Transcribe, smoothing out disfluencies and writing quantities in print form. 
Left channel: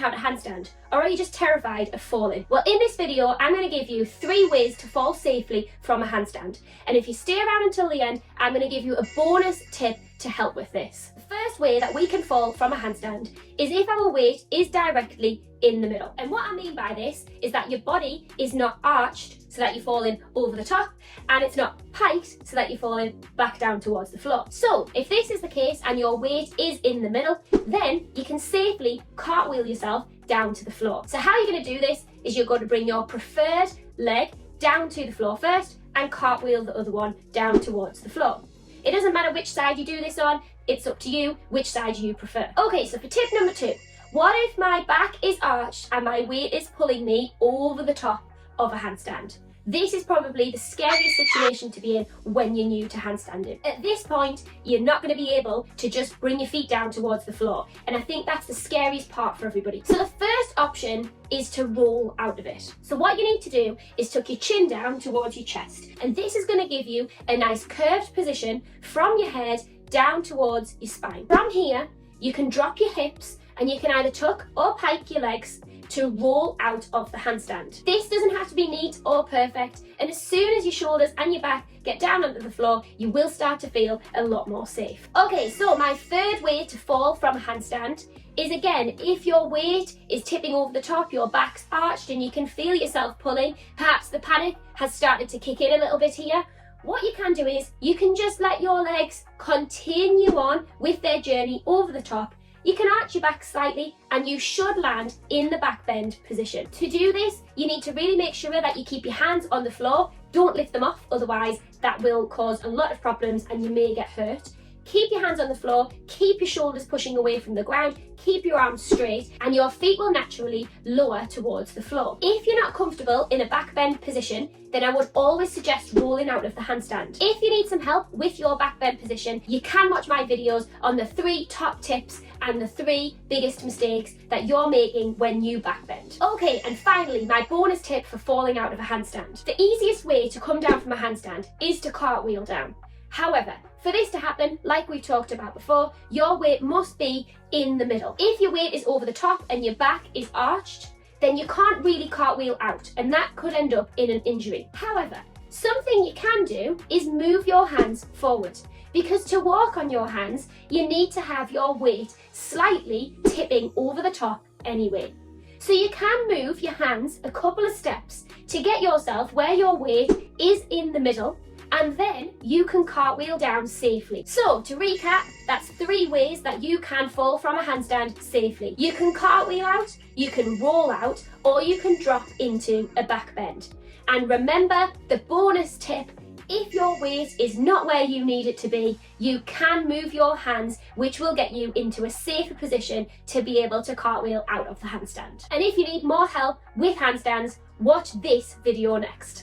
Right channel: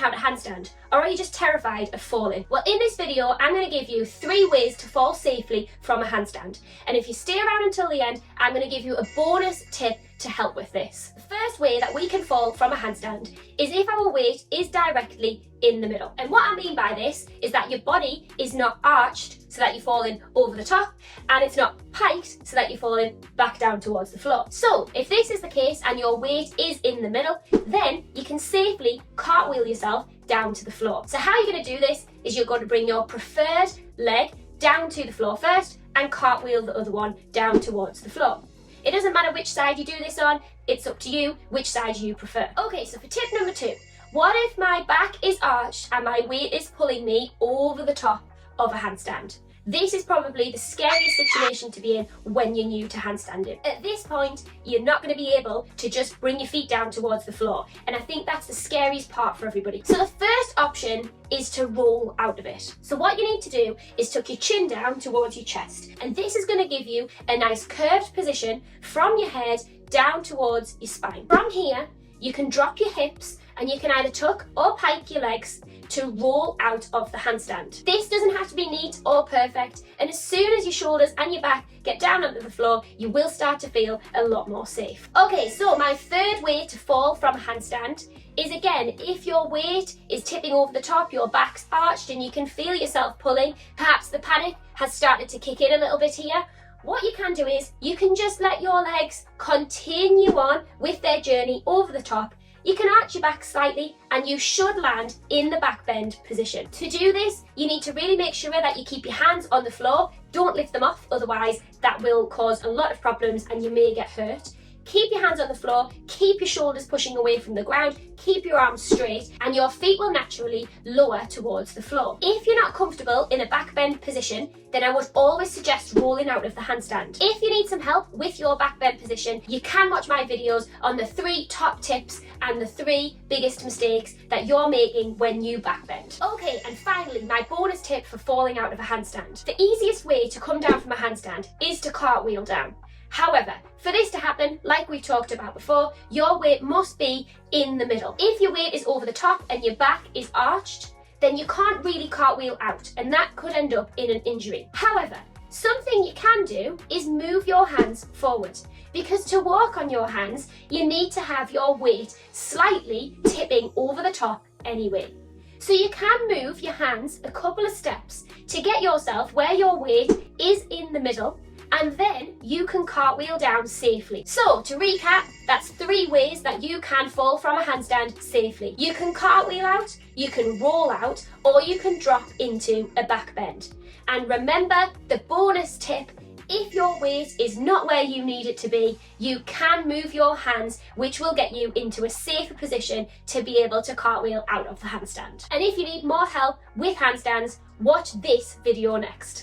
how to handstand, or are you just terrified of falling? Well, in this video, I'm going to give you 3 ways to fall safely from a handstand. And if you stay around until the end, I'm going to give you a bonus tip to help with this. The first way that we can fall from a handstand is if our weight is directly in the middle. And what I mean by this is that your body is not arched so that you're falling over the top, and it's not piked so that you're falling back down towards the floor. So if this is the case and your weight is in the middle, then you can safely cartwheel yourself down to the floor. So how you're going to do this is you're going to bring your preferred leg down to the floor first and cartwheel the other one down towards the floor. It doesn't matter which side you do this on, it's up to you which side you prefer. Okay, so for tip number 2, what if my back is arched and my weight is pulling me over the top of a handstand? This is probably the scariest situation to be in when you're new to handstanding. At this point, you're not going to be able to just bring your feet down towards the floor, and I think that's the scariest part for everybody. So the first option is to roll out of it. So what you need to do is tuck your chin down towards your chest, and this is going to give you a nice curved position from your head down towards your spine. From here, you can drop your hips and you can either tuck or pike your legs to roll out of the handstand. This doesn't have to be neat or perfect, and as soon as your shoulders and your back get down onto the floor, you will start to feel a lot more safe. Okay, so my third way to fall from a handstand is, again, if your weight is tipping over the top, your back's arched and you can feel yourself pulling, perhaps the panic has started to kick in a little bit here, what you can do is you can just let your legs continue on with their journey over the top. You can arch your back slightly and you should land in the back bend position. To do this, you need to really make sure that you keep your hands on the floor. Don't lift them off, otherwise that will cause a lot of problems and you may get hurt. Keep your hands on the floor, keep your shoulders pushing away from the ground, keep your arms straight, and your feet will naturally lower towards the floor. If you're not comfortable in a back bend position, then I would always suggest rolling out of the handstand. If you need some help with your back bend position, you can watch my videos on the 3 top tips and the 3 biggest mistakes that you're making when you back bend. Okay, and finally, my bonus tip for falling out of a handstand. The easiest way to come down from a handstand is to cartwheel down. However, for this to happen, like we talked about before, your weight must be in the middle. If your weight is over the top and your back is arched, then you can't really cartwheel out, and that could end up in an injury. However, something you can do is move your hands forward, because to walk on your hands, you need to have your weight slightly tipping over the top anyway. So you can move your hands a couple of steps to get yourself where your weight is in the middle, and then you can cartwheel down safely. So to recap, that's 3 ways that you can fall from a handstand safely. You can cartwheel out, you can roll out, or you can drop into a back bend. And remember the bonus tip: if your weight is not where you need it to be, you can move your hands, which will get you into a safer position to be able to cartwheel out of the handstand. And if you need more help with handstands, watch this video next.